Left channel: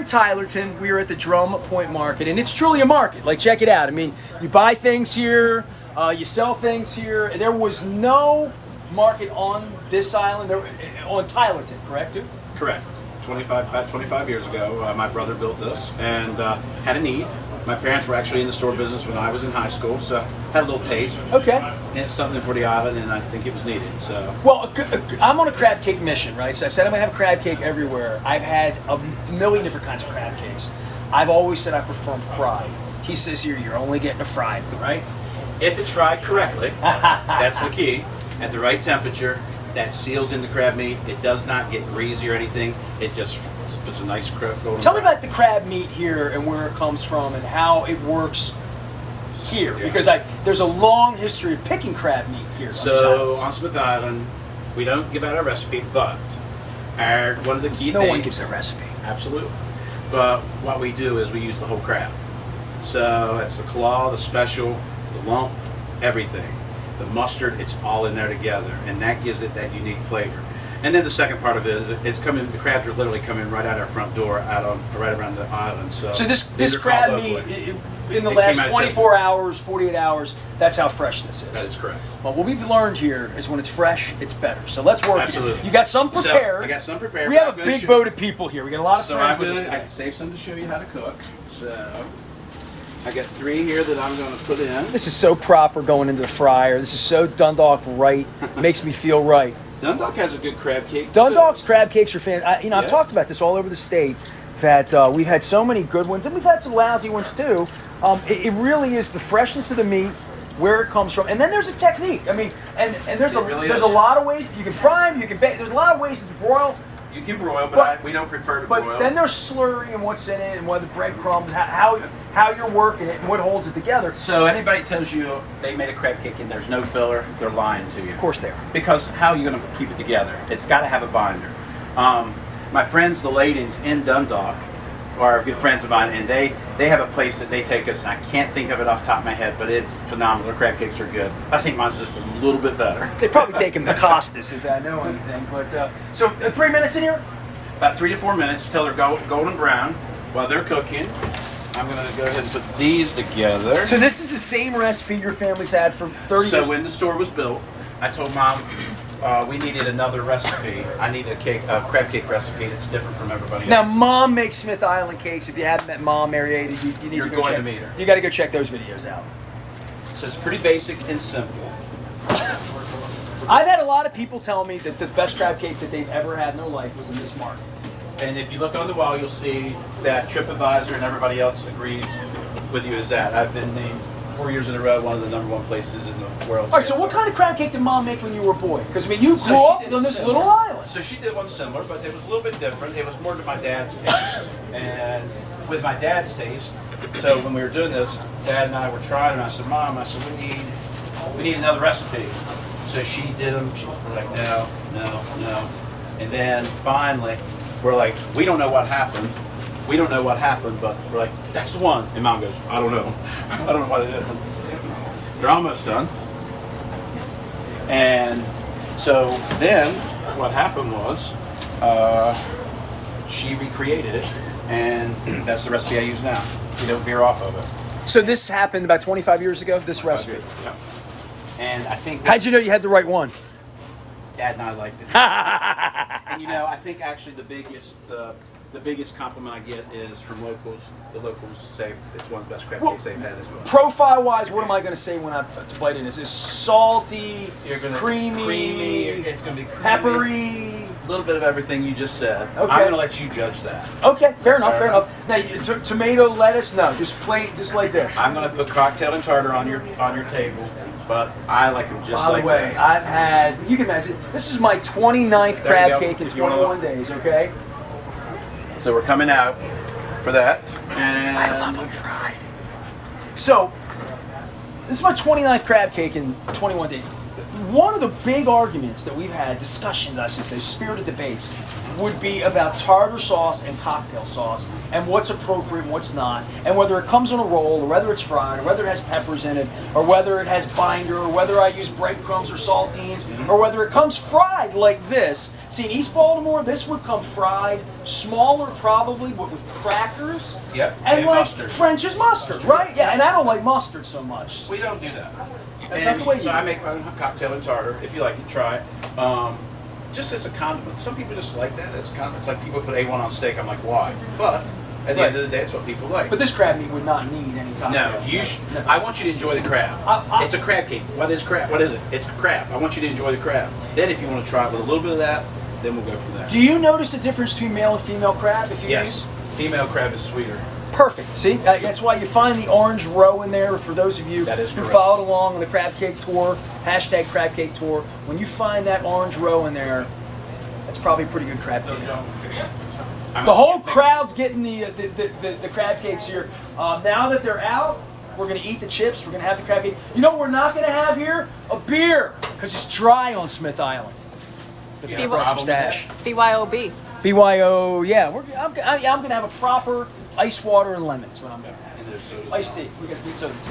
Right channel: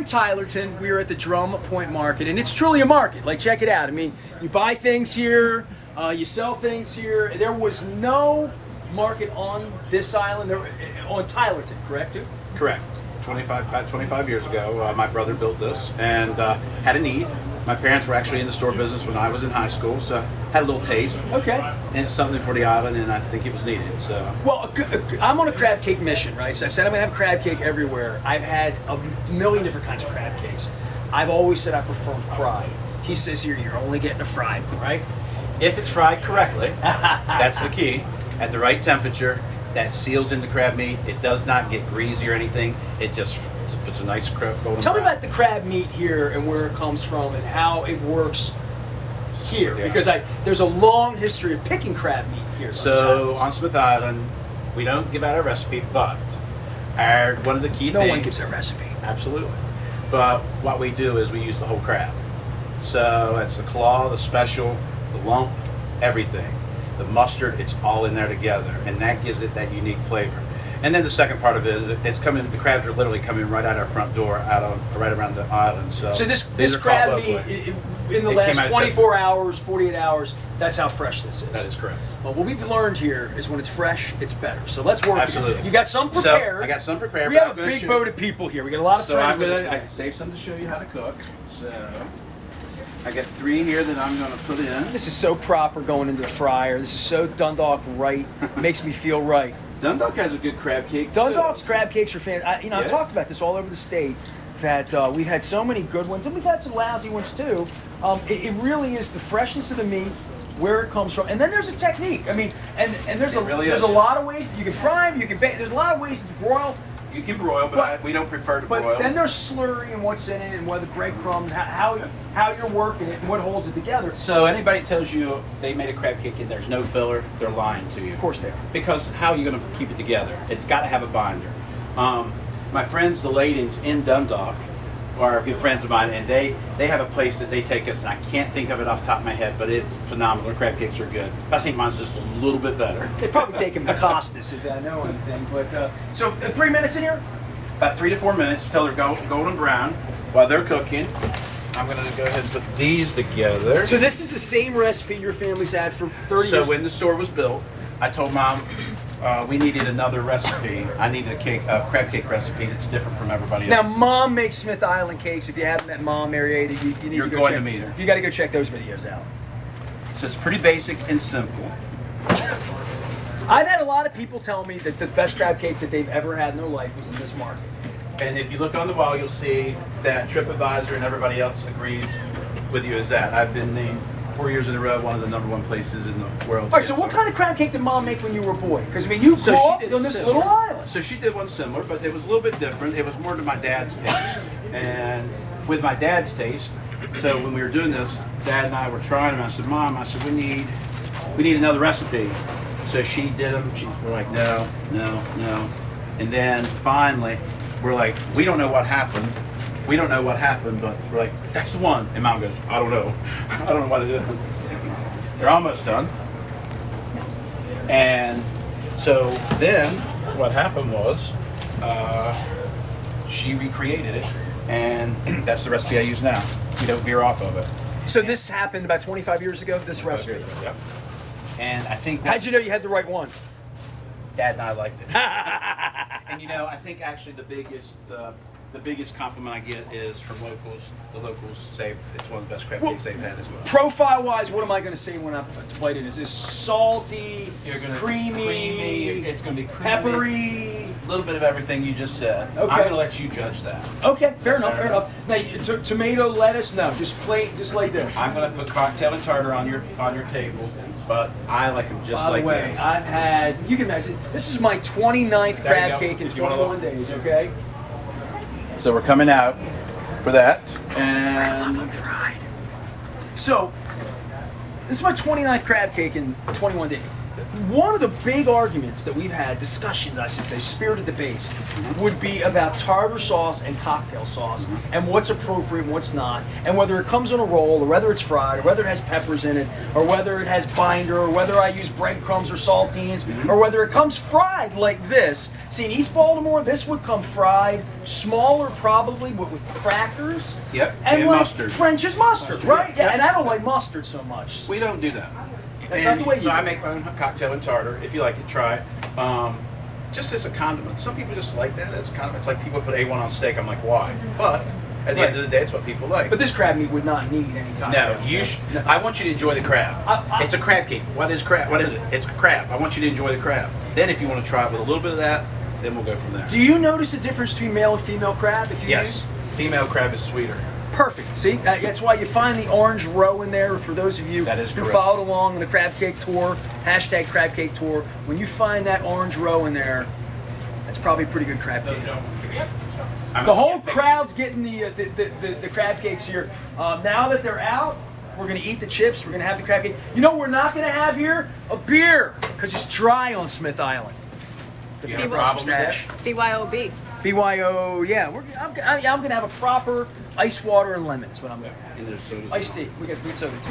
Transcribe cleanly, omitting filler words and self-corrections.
in Tylerton. We are at the Drum Point Market, and it's truly a market. Like, check it out. I mean, you buy things here, you sell things here. There was no market on this island, on Tylerton, correct, dude? Correct. About 25 years ago, my brother built this and had a need. My parents were actually in the store business when I was in high school, so had a little taste. Okay. And it's something for the island, and I think it was needed. So. Well, I'm on a crab cake mission, right? So I said I'm gonna have crab cake everywhere. I've had a million different kinds of crab cakes. I've always said I prefer them fried. He says here, you're only getting a fried one, right? If it's fried correctly, that's the key. At the right temperature, that seals in the crab meat. It does not get greasy or anything. It just puts a nice golden Tell me brown. about the crab meat here and where it comes from and how it works here, Yeah. because there's a long history of picking crab meat here. So on Smith Island, we don't give out a recipe, but one of the key No things. one gives a recipe. Absolutely. But what we do is we use the whole crab. So that's the claw, the special, the lump, everything. The mustard, it's all in there together, and that gives it that unique flavor. And then the second part of it is the crabs are literally coming right out our front door, right around the island. So this crab meat, in the last 24 hours, 48 hours, that's how fresh this is. That is correct. Well, what we've learned here is when it's fresh, it's better. So let's work. Absolutely. You got some prepared. So I got some prepared. We have a big boat of people here. We got a lot of friends. I can save some to show you how to cook. So I got 3 here that I'm going to put in. This is so proper going into the fryer. This is so Dundalk right. Makes me feel right. Dundalk has a good crab cake. Dundalk's crab cakes are fantastic. I've Yeah. talked about this all over the state, that we've had so many good ones, and we've had some lousy ones too. It really is the freshness of the meat, where it comes from, and then there's a technique. I mean, and there's a lot of ways you can fry them, you can bake. There's a lot of ways to broil. You can broil, but we don't prefer to broil. But then there's slurry and what's in it, and whether breadcrumbs, how you're working it, and what holds it together. So anybody tells you they made a crab cake and there's no filler, they're lying to you. Of course they are. Because how are you going to keep it together? It's got to have a binder. My friends, the ladies in Dundalk, are good friends of mine, and they have a place that they take us, and I can't think of it off the top of my head, but it's phenomenal. Their crab cakes are good. I think mine's just a little bit better. They probably take him to Costas if I know anything. But so 3 minutes in here. About 3 to 4 minutes till they're golden brown. While they're cooking, I'm going to go ahead and put these together. So this is the same recipe your family's had for 30 years? So when the store was built, I told Mom we needed another recipe. I needed a crab cake recipe that's different from everybody Now, else. Mom makes Smith Island cakes. If you haven't met Mom, Marietta, you need You're to go going check, to meet her. You got to go check those videos out. So it's pretty basic and simple. I've had a lot of people tell me that the best crab cake that they've ever had in their life was in this market. And if you look on the wall, you'll see that TripAdvisor and everybody else agrees with you as that. I've been named 4 years in a row one of the #1 places in the world. All right, so what kind of crab cake did Mom make when you were a boy? Because I mean, you grew up on this similar. little island. So she did one similar, but it was a little bit different. It was more to my dad's taste. And with my dad's taste, so when we were doing this, Dad and I were trying, and I said, Mom, we need another recipe. So she did them. We're like, no. And then finally, we're like, we don't know what happened. But we're like, that's the one. And Mom goes, I don't know. I don't know what it is. They're almost done. And so then what happened was she recreated it, and that's the recipe I use now. We don't veer off of it. So this happened about 25 years ago, this recipe. Yep. And I think How'd you know you had the right one? Dad and I liked it. And I think actually the biggest compliment I get is from locals. The locals say it's one of the best crab cakes they've had as well. Profile-wise, what am I going to say when I bite it? Is it salty, creamy, it's going to be peppery? A little bit of everything you just said. Okay. I'm going to let you judge that. Okay, fair enough. Now, tomato, lettuce, no, just plain, just like this. I'm going to put cocktail and tartar on your table, but I like them just like By the way, this. I've had, you can imagine, this is my 29th There you crab go. cake in If you wanna 21 days, okay? So we're coming out for that, and I love them fried. So, this is my 29th crab cake in 21 days. One of the big arguments that we've had, discussions I should say, spirited debates, would be about tartar sauce and cocktail sauce and what's appropriate and what's not, and whether it comes on a roll or whether it's fried or whether it has peppers in it or whether it has binder or whether I use breadcrumbs or saltines or whether it comes fried like this. See, in East Baltimore, this would come fried, smaller probably, but with crackers. Yep, and like mustard. French's mustard, right? Yeah, Yep. and I don't like mustard so much. We don't do that. That's not the way you so do I it. make my own cocktail and tartar. If you like it, try it. Just as a condiment. Some people just like that as a condiment. It's like people put A1 on steak. I'm like, why? But at the end of the day, it's what people like. But this crab meat would not need any cocktail. No, I want you to enjoy the crab. It's a crab cake. What is crab? What is it? It's crab. I want you to enjoy the crab. Then, if you want to try it with a little bit of that, then we'll go from there. Do you notice a difference between male and female crab? If you Yes, female crab is sweeter. Perfect. See, that's why you find the orange row in there. For those of you That is who correct. followed along on the crab cake tour, hashtag crab cake tour, when you find that orange row in there, that's probably pretty good crab cake. The whole crowd's getting the crab cakes here. Now that they're out, we're going to eat the chips. We're going to have the crab cake. You know what we're not going to have here? A beer, because it's dry on Smith Island. You The have a problem with stash. BYOB. BYO, yeah. I'm going to have a proper ice water and lemon. Is what I'm going to have. that? And there's soda. Iced tea. We got soda tea.